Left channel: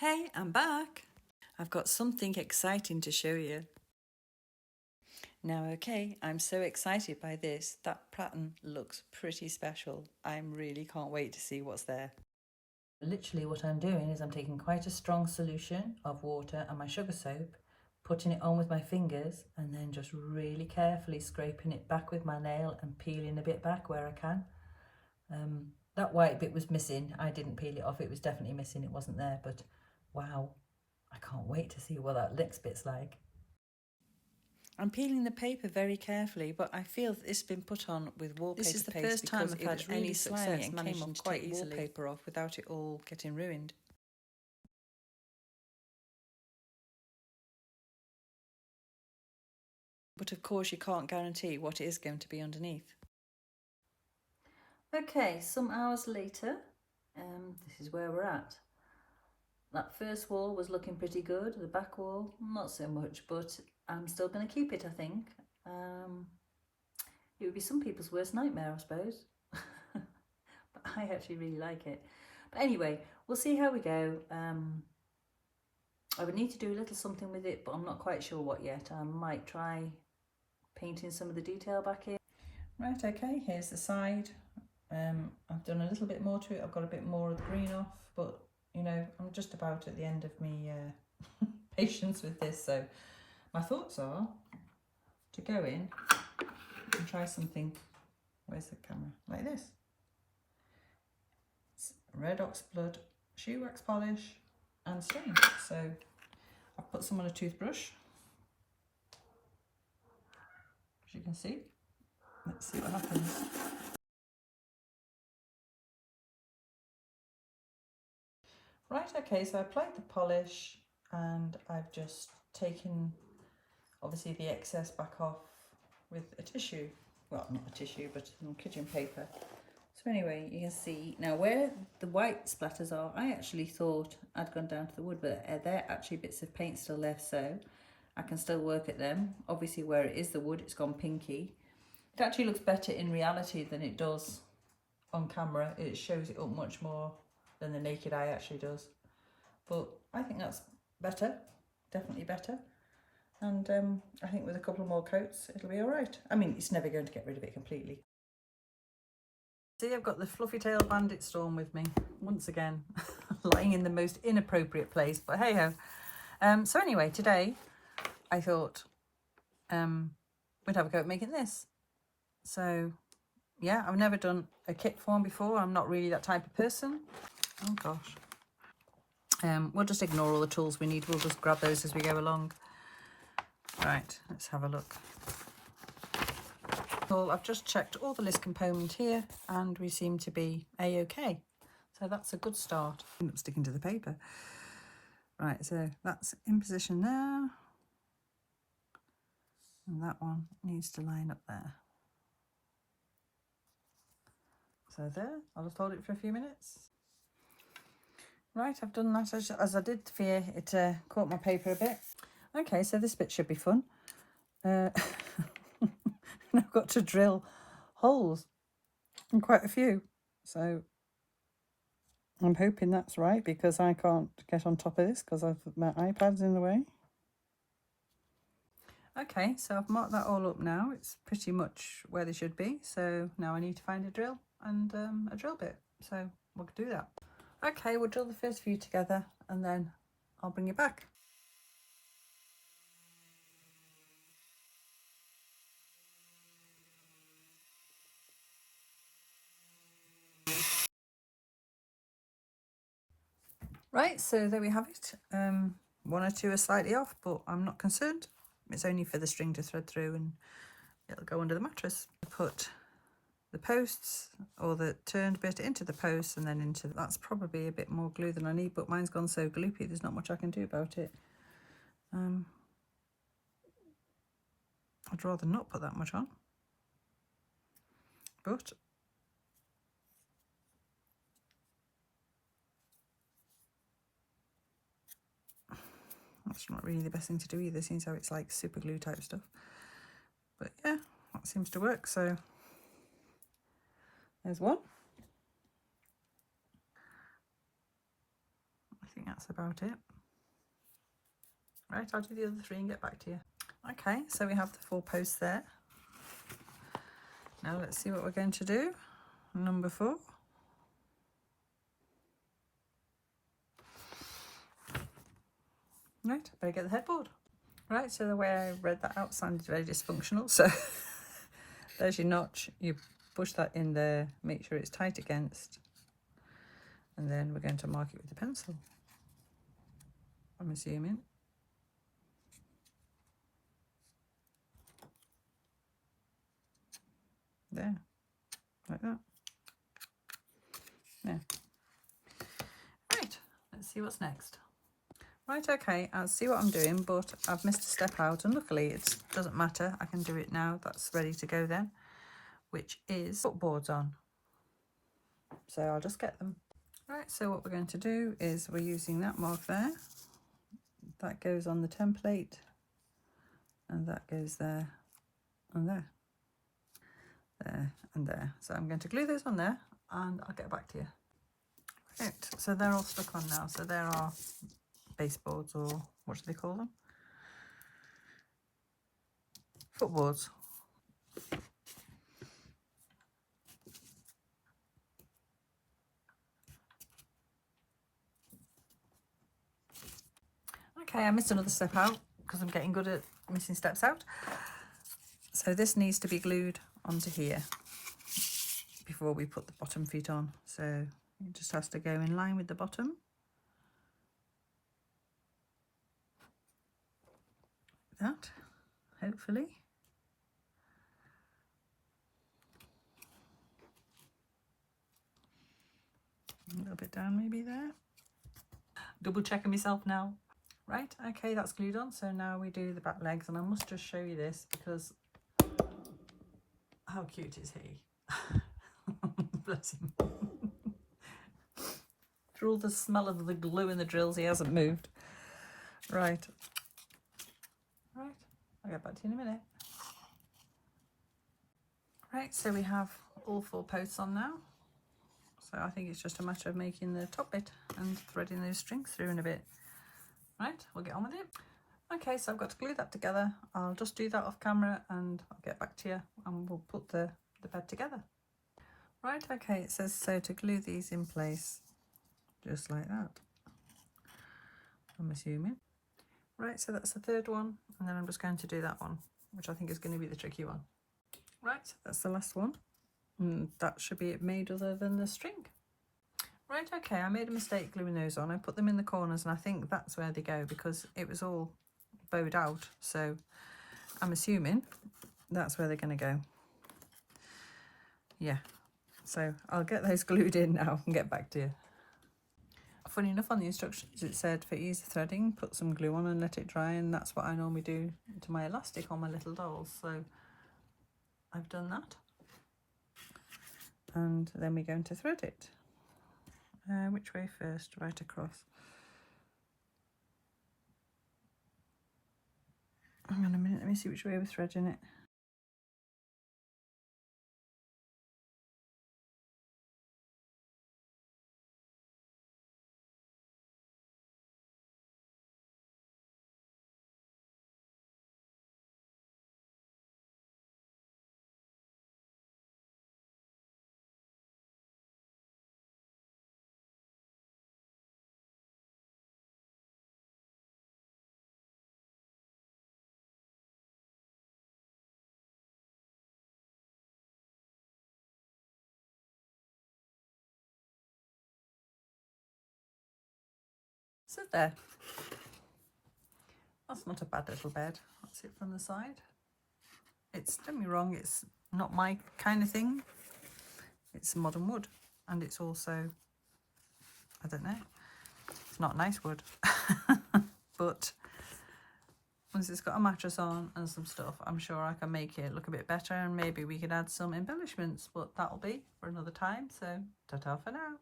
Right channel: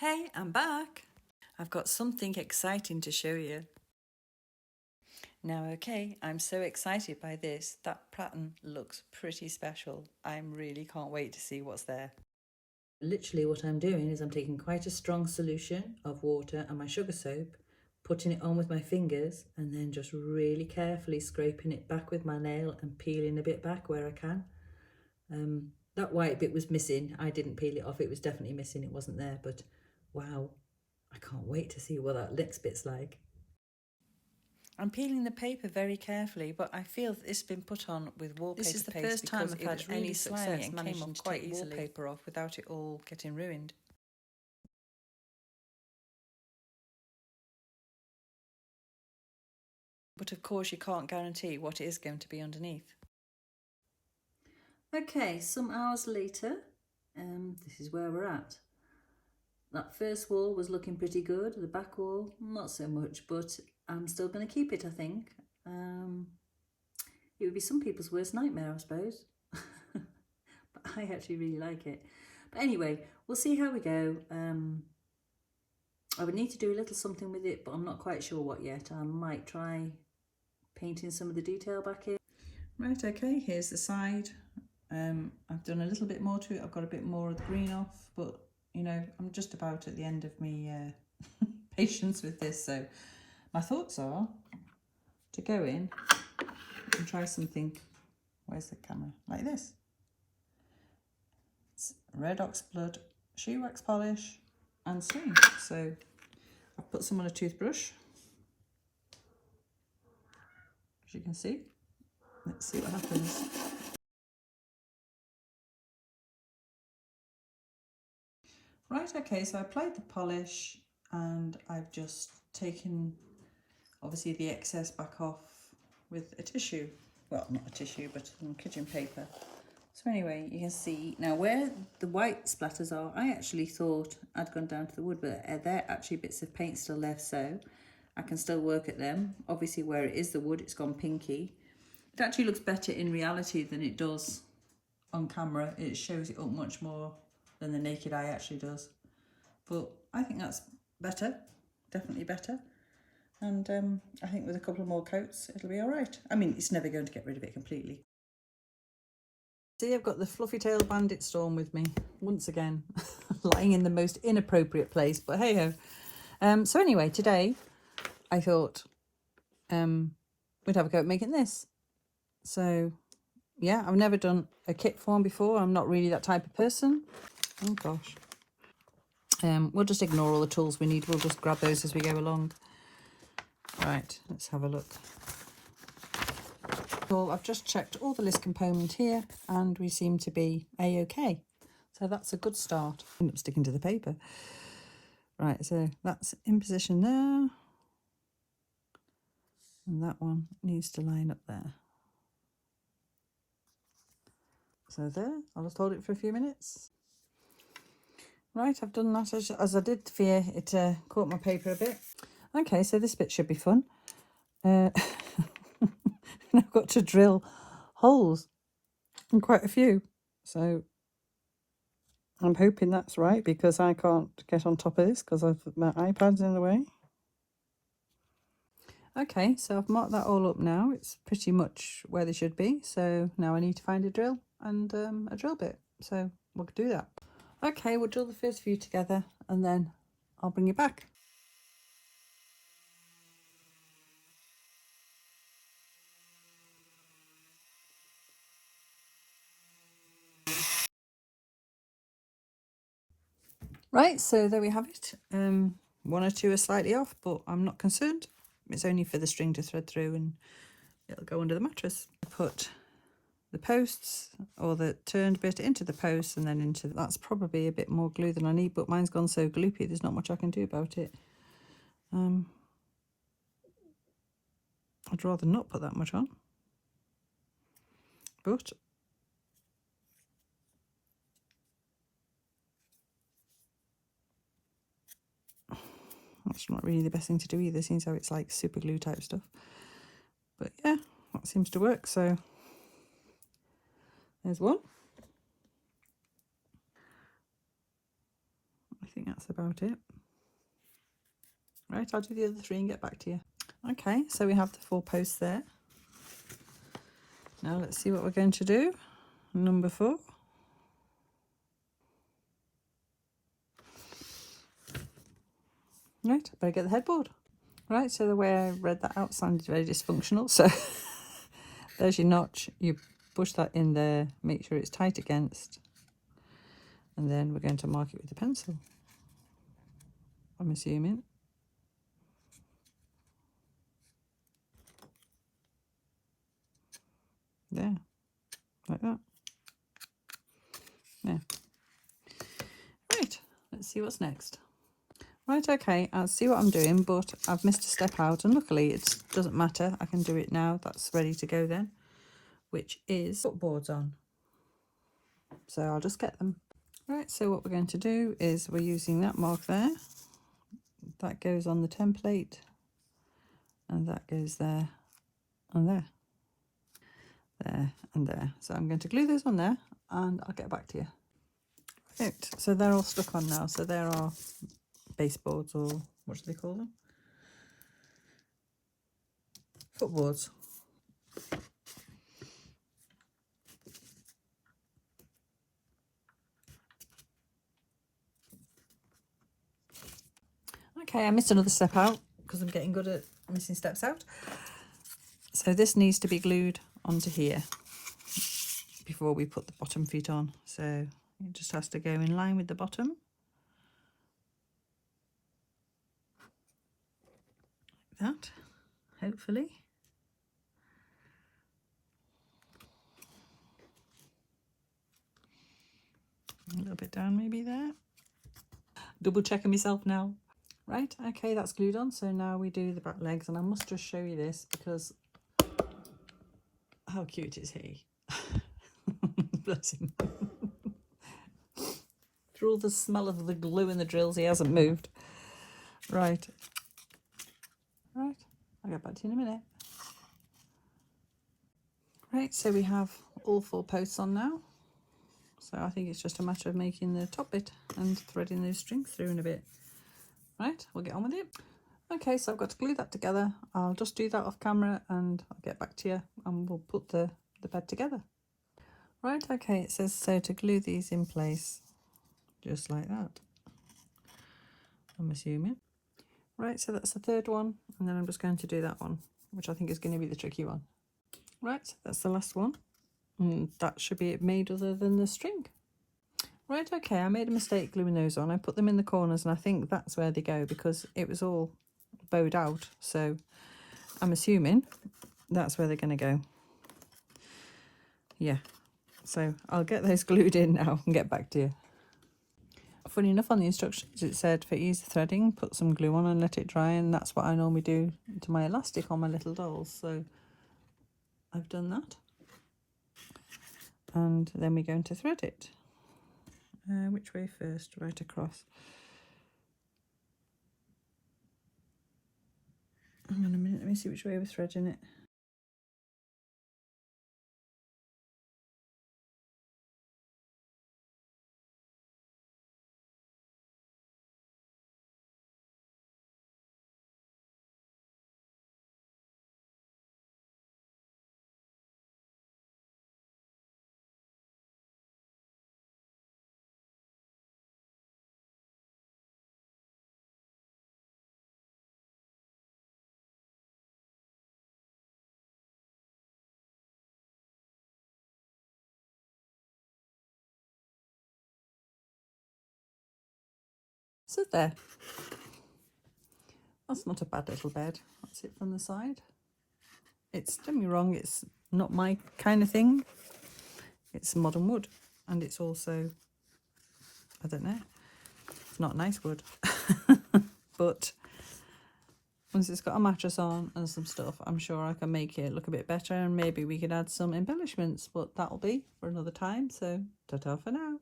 Hey, I'm back. I've got something exciting to show you. Now, okay, I'm so excited by this. That pattern looks pretty special. I really can't wait to see what's there. Literally what I'm doing is I'm taking quite a strong solution of water and my sugar soap, putting it on with my fingers and then just really carefully scraping it back with my nail and peeling a bit back where I can. That white bit was missing. I didn't peel it off. It was definitely missing. It wasn't there, but wow. I can't wait to see what that next bit's like. I'm peeling the paper very carefully, but I feel that it's been put on with wallpaper paste. This is the first time I've had any success managing to take wallpaper off without it all getting ruined. But of course you can't guarantee what it is going to be underneath. Okay, some hours later, this is where we're at. That first wall was looking pretty good, the back wall not so much, but I'm still going to keep it, I think. It would be some people's worst nightmare, I suppose. But I actually really like it. But anyway, we'll see how we go. I would need to do a little something with it, but I'm not quite sure what yet. I might try painting some of the detail back in. Right, okay, here's the side. I've done a little bit more to it. I've got a bit more of the green off, but you know, I'm just about at the end of me patience with this. So my thoughts are to go in and try something, where's the camera, like this. It's red ox blood, shoe wax polish and stain. So I've put some on a toothbrush, as you can see. Let's see what happens. Right, okay, so I applied the polish and I've just taken obviously the excess back off with a tissue. Well, not a tissue, but some kitchen paper. So anyway, you can see now where the white splatters are, I actually thought I'd gone down to the wood, but they're actually bits of paint still left, so I can still work at them. Obviously where it is the wood, it's gone pinky. It actually looks better in reality than it does on camera. It shows it up much more than the naked eye actually does. But I think that's better, definitely better. And I think with a couple more coats, it'll be all right. I mean, it's never going to get rid of it completely. See, I've got the fluffy tail bandit storm with me once again, lying in the most inappropriate place, but hey ho. So anyway, today I thought we'd have a go at making this. So yeah, I've never done a kit form before. I'm not really that type of person. Oh gosh. We'll just ignore all the tools we need. We'll just grab those as we go along. Right, let's have a look. Well, I've just checked all the list component here and we seem to be a-okay. So that's a good start. I end up sticking to the paper. Right, so that's in position there. And that one needs to line up there. So there, I'll just hold it for a few minutes. Right, I've done that as I did fear it caught my paper a bit. Okay, so this bit should be fun. I've got to drill holes, and quite a few. So I'm hoping that's right because I can't get on top of this because my iPad's in the way. Okay, so I've marked that all up now. It's pretty much where they should be. So now I need to find a drill and a drill bit. So we'll do that. Okay, we'll drill the first few together and then I'll bring you back. Right, so there we have it. One or two are slightly off, but I'm not concerned. It's only for the string to thread through and it'll go under the mattress. Put the posts or the turned bit into the posts and then into that's probably a bit more glue than I need, but mine's gone so gloopy there's not much I can do about it. I'd rather not put that much on, but that's not really the best thing to do either, seems how it's like super glue type stuff. But yeah, that seems to work. So there's one. I think that's about it. Right, I'll do the other 3 and get back to you. Okay, so we have the 4 posts there. Now let's see what we're going to do. Number 4. Right, better get the headboard. Right, so the way I read that out sounded very dysfunctional. So there's your notch. You push that in there, make sure it's tight against, and then we're going to mark it with a pencil, I'm assuming. There, like that. Yeah. Right, let's see what's next. Right, okay, I'll see what I'm doing, but I've missed a step out, and luckily it doesn't matter. I can do it now. That's ready to go then, which is footboards on. So I'll just get them. Right, so what we're going to do is we're using that mark there. That goes on the template, and that goes there and there. There and there. So I'm going to glue those on there, and I'll get back to you. Right, so they're all stuck on now. So there are baseboards, or what do they call them? Footboards. Okay, I missed another step out because I'm getting good at missing steps out. So this needs to be glued onto here before we put the bottom feet on. So it just has to go in line with the bottom. Like that, hopefully. A little bit down maybe there. Double checking myself now. Right, okay, that's glued on. So now we do the back legs, and I must just show you this because how cute is he? Bless him. Through all the smell of the glue in the drills, he hasn't moved. Right. Right, I'll get back to you in a minute. Right, so we have all 4 posts on now. So I think it's just a matter of making the top bit and threading those strings through in a bit. Right, we'll get on with it. Okay, so I've got to glue that together. I'll just do that off camera and I'll get back to you and we'll put the bed together. Right, okay, it says so to glue these in place, just like that, I'm assuming. Right, so that's the 3rd one, and then I'm just going to do that one, which I think is going to be the tricky one. Right, that's the last one. And that should be it made other than the string. Right, okay, I made a mistake gluing those on. I put them in the corners, and I think that's where they go because it was all bowed out. So I'm assuming that's where they're going to go. Yeah, so I'll get those glued in now and get back to you. Funny enough, on the instructions it said for easy threading, put some glue on and let it dry, and that's what I normally do to my elastic on my little dolls. So I've done that. And then we're going to thread it. Which way first? Right across. Hang on a minute, let me see which way we're threading it. So there. That's not a bad little bed. That's it from the side. It's, don't get me wrong, it's not my kind of thing. It's modern wood, and it's also, I don't know, it's not nice wood. But once it's got a mattress on and some stuff, I'm sure I can make it look a bit better, and maybe we could add some embellishments, but that'll be for another time. So ta-ta for now.